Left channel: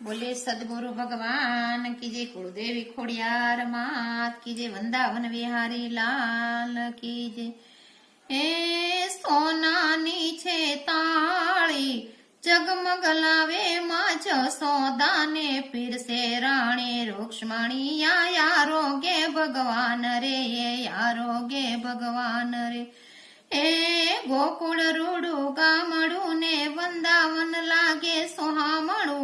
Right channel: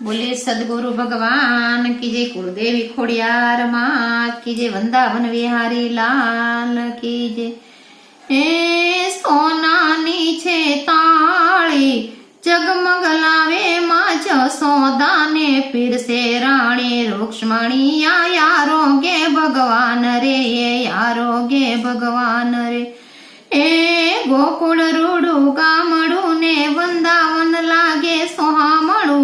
बोले सदगुरु भगवान की जय, कुलदेवी खोड़ियार मात की जय, वृंदावन विहारी लाल की जय। ए सोनानी छे ताળી जगमग लावे माँ जसोदाने पीरसे राणी रुक्ष्मणी यारोगे भगवान रे, ये यारोगे भगवान रे। ए गोकुळ रूडू गामडू ने वृंदावन लागे सोहामणू,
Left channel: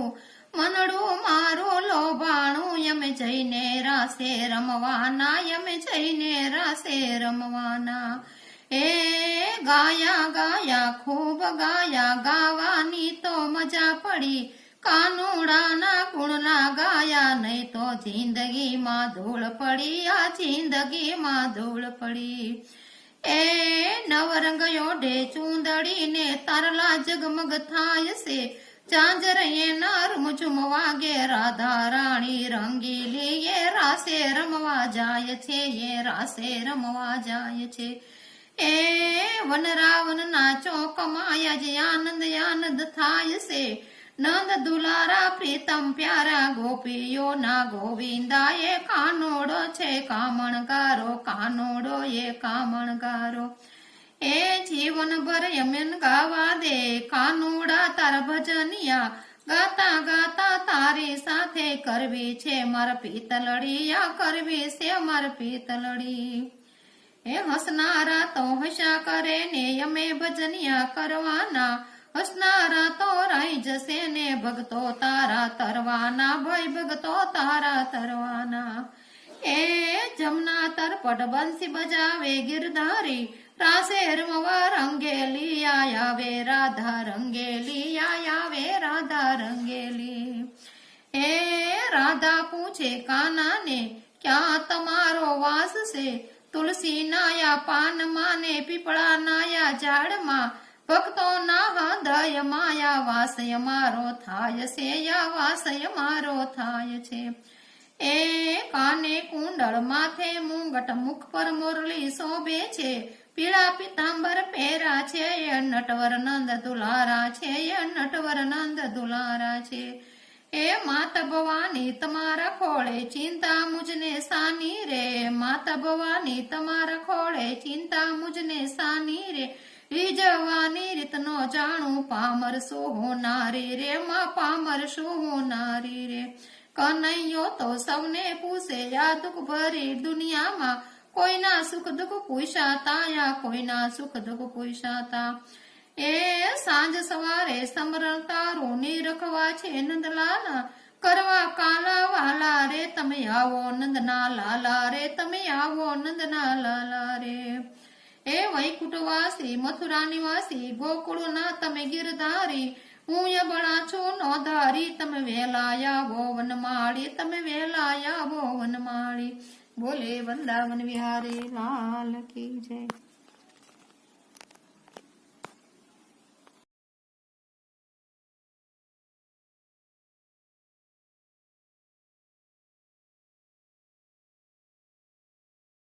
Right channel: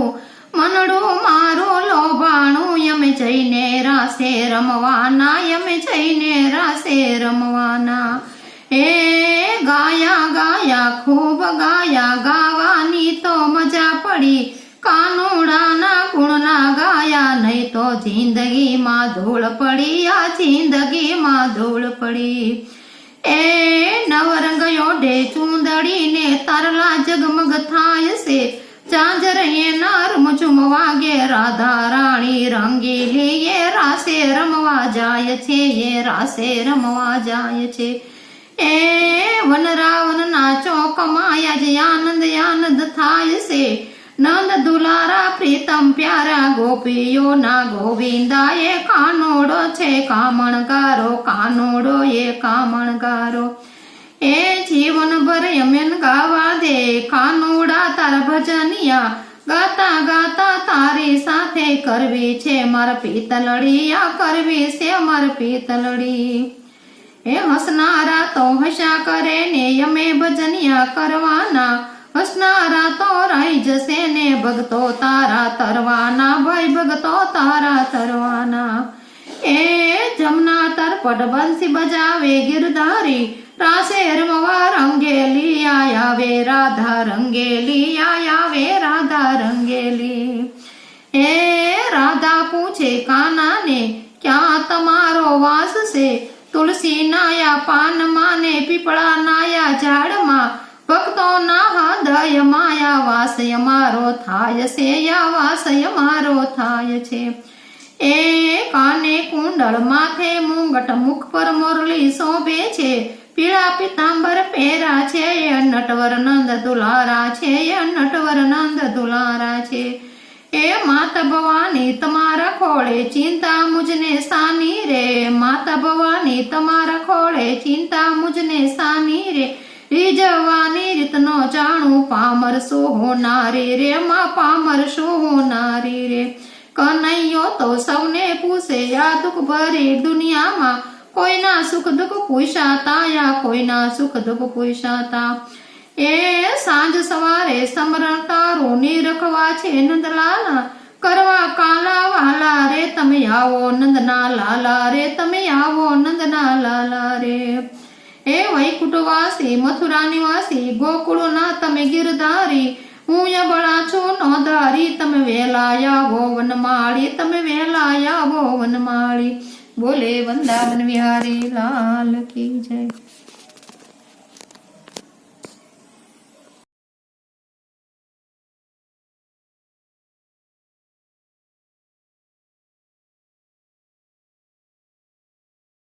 मनडू मारू लोभाणू यमे जईने रासे रमवाना, यमे जईने रासे रमवाना। ए गाया गाया खूब गाया, गावानी तो मजा पड़ी, कानूडाना गुण ना गाया, नहीं तो जिंदगी मां धूल पड़ी, आ जिंदगी मां धूल पड़ी। ए नवरंग योडे चूंदड़ी ने तरला जगमग थाय से, चांजर ये नार मुझुम वागे, राधा राणी रंगीली ये रासे रमवा जाय छे, ये रासे रमवा जाय छे। ए वन रावण नाचो कमाया जे आनंद आनंद थाय से, नंद दुलारा प्रीतम प्यारा गोपियो ना गोविंदा, ये कानोड़ो छे कामणगारो, कानोड़ो ये कामणगारो। ए जीवन भर यमन गावा दे कानोड़ा तार भजनिया, गाता गाता तारी साथे करवी छे मार पीतलड़ी, या करवी से मार पीतलड़ी। ए हसनारा तो हशा करे ने यमे भजनिया करवाना, हसनारा तो राई जसे ने भगतो तारा तरवाना, भाई भगतो तारा तरवाना। ए जमुना तर पट बंसी बजावे गिरधारी, रासे रमवा रंगेली आयावे राधा रंगेली, आयावे राधा रंगेली। ए राधा पूछे काना ने क्या तमारो वास से, तुलसी नाया पान माने पीपळा नाया झाड़ मा, भक्तो ना हृदय माया वासय मारो थाय से, या वासय मारो थाय छे। ए काने कुंडल माथे मुंगट मुख पर मुरली शोभे छे, पीळा पीतांबर पेरा छे, नटवर नंद दुलारा छे, नटवर नंद दुलारा छे। ए माता भवानी तमारा खोळे चिंता मुझने सानी रे, माता भवानी तमारा खोळे चिंता मुझने सानी रे, રીજવાની રીતનો જાણું પામર શું હોનારી રે, માં પામર શું હોનારી રે। કનૈયો તો સૌને પૂછે આ દુઃખ ભરી દુનિયામાં, કોઈના સુખ દુઃખ પૂછાતા, યા કોઈના સુખ દુઃખ પૂછાતા। એ સાંજ સવારે સમરણ તારું નિરખવા છે નંદલાલા, કરવા કાલા વાલા રે તમે આવો નંદના લાલા રે, તમે આવો નંદના લાલા રે। ए वैकुंठवासी मथुरा निवासी गोकुळना तमे गिरधारी, हूँ बड़ा छू नोधारी, तमे वेलाया वो वनमाળી, तमे वेलाया वो वनमाળી। बोले वृंदावन विहारी लाल की जय।